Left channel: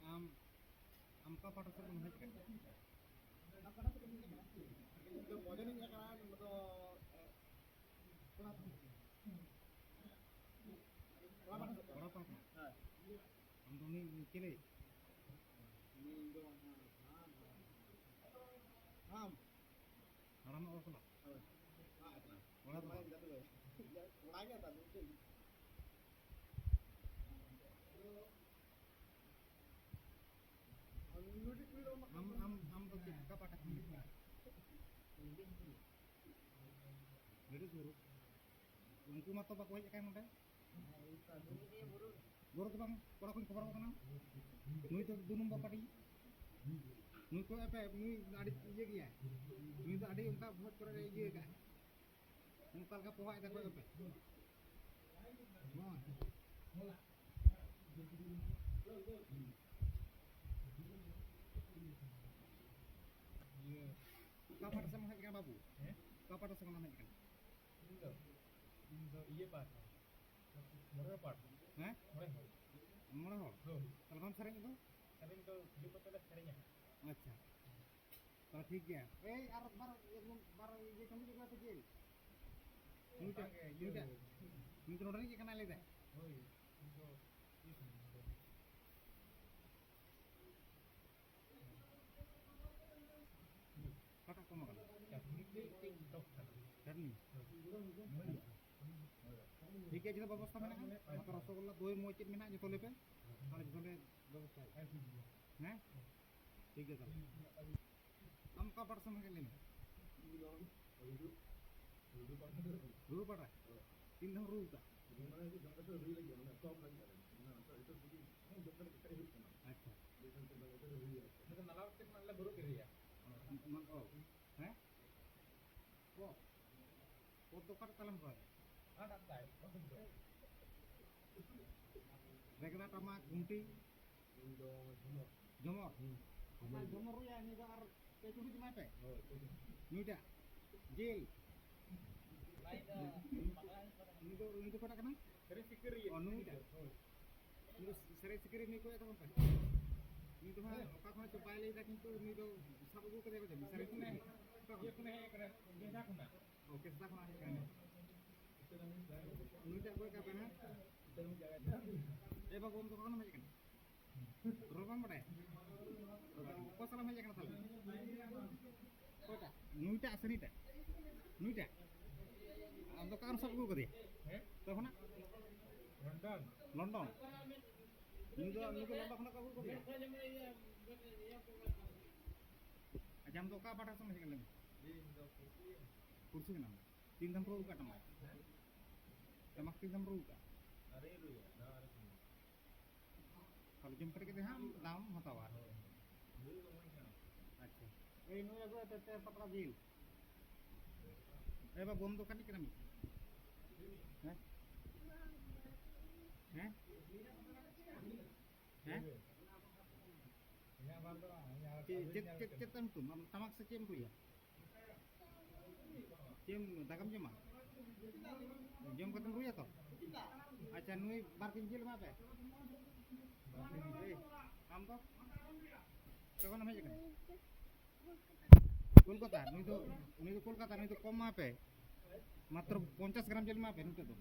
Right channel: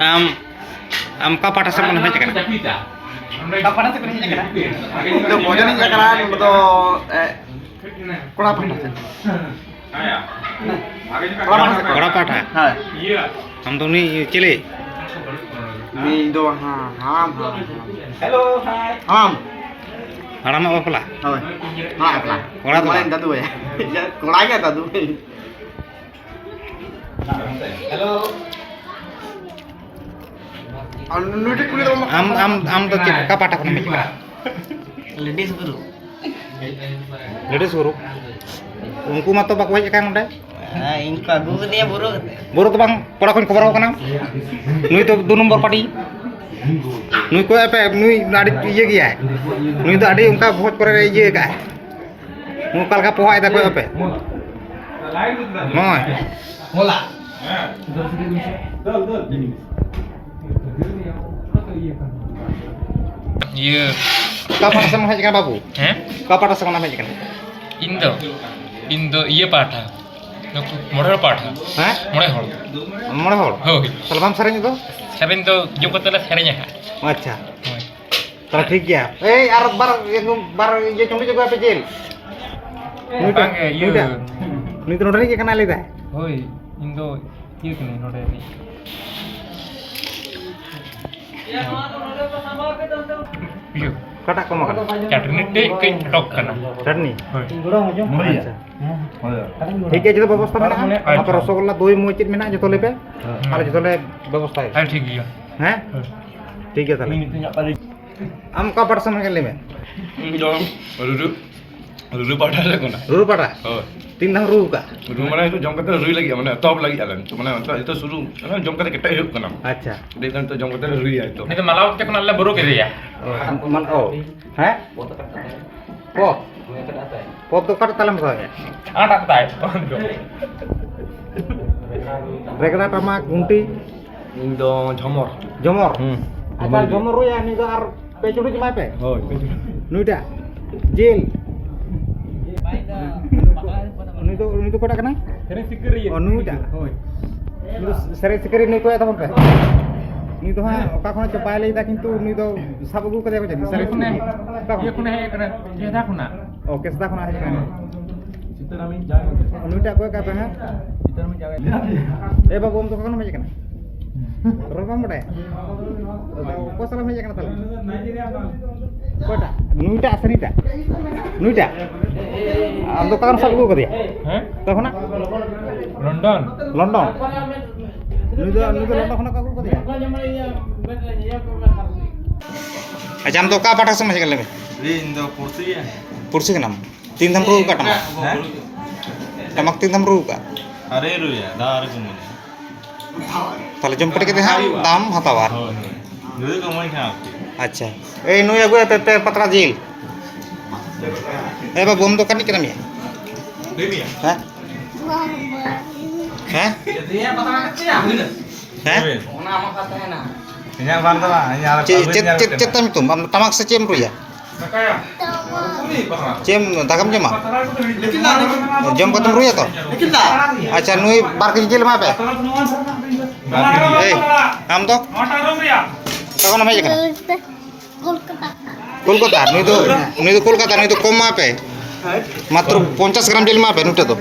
am am ka pata sa mana hej kana Kapan sih kerjanya kan? Itu bojan ini kan betul kurang apa sih? kora pata Hai. am to ni chile Ini itu ham. Hello, hai. Ham. haram apa pala Hai. Hai apa? Orang tua. Main tadu ya. Ya, kurangnya tadu. Hello. Anu itu kulit am to chile ka pata kana hej kana ladies guru. ladies guru unku ma to bak hej kan onde Ingka guru dia buruk. buru to bang kora kon kobar kana nui to 2 number party nui ko ape nui adi iye gya nui to adi unka bhoj kore iye ka mu kal ka poha ida ko ape moi Mola. Iya, ka pata sa hej kana babu ka pata sa mana hej kana Indo iya paಠ model paಠ ha mone hor hoi tala bam sareng itu sering do joko tala serenya ha acha tala thik gya ar bar ye chongi jago ape jel bang iya nui to nodani ke kana leda hoi Indo iya kene node ni iya kata ko makan chutney te kain tok kana chutney hoi আচ্ছা ঠিক আছে ব্যবস্থা মেনা আপনার রসগোল্লা দই মই cheat মেনা যত লেবে আর যত লে ব্যবস্থা ai ঠিক iya হ্যাঁ ঠিক আছে তাহলে আম কা পাটা সময় গেলে মে Ruru pada lah kena. রুরু পাটা Oh, তিন ধাম রুরু কা ruru mana itu jom kata rui lagi, mana top lagi alam. Cuma mana itu suruh, mana jom kata kita hidup kena. আচ্ছা Dia kan tu jom kata rui itu. ini malau te kon alla buru ke ya মান ও হ্যাঁ pop pop তো কাটা তালাম কয় ada tai রেগড়া টামা গুন্টি Indo jomor. জমর আচ্ছা জমর রুয়া নি তো আর পেচুড়ি জমাই পে Oh, নুইটা জেল নুই তো কটা কেনা sering sikir ও নুইটা সেরে সেরে নুই কয় তখন পে নুই তো হ্যাঁ ওকা কোন চাপাই লইতা কিন্তু নুই তো সাব গু কদে কইছে সেরে kune iya kune he kana ye da kuna ও কেসদা কোন আছে কেনা নুইটা কয় কাপে হ্যাঁ এ বাবু ওম তো কোন মেজে কেনা রকম বড়ে কো সালাম মেজে কেনা তাহলে কয়টা নুইটা আছে নিটা নুইটা আম তো কারণ সব গু কদিয়া heh তখন London লন্ডন নুই তো লন্ডন খনা কাগু কদিয়া আচ্ছা আম তো কা পাঠা সময় গেলে Indo kursi ya. পুরসি নাম তিন ধাম রু কা টামাক টামাক তিন ধাম রু কা Are rui ya, dah are kumuni. তাহলে জম্পটে কে হ্যাঁ দাম হাতাবার Oh, jadi kamu ini apa? আচ্ছা এই নুই আগু তে পাতলা জিল এ বাবু ওম তো কানি কেনা মিয়া Ini ya. হ্যাঁ হ্যাঁ হ্যাঁ Ini apa tuh lah? Ini alat চেত আমি তুম তামাক সে চেম রুইয়া চেম দাগাম জমা জম কতম রুইয়া তো আচ্ছা নুই বার কেজি জেল মাপে এই আম তো কখন ভাই এখানে কলকাতা নুই তো কলকাতা নুই তো কম মাপে মাত্র 50 গ্রাম জেল মাপে নুইটা তো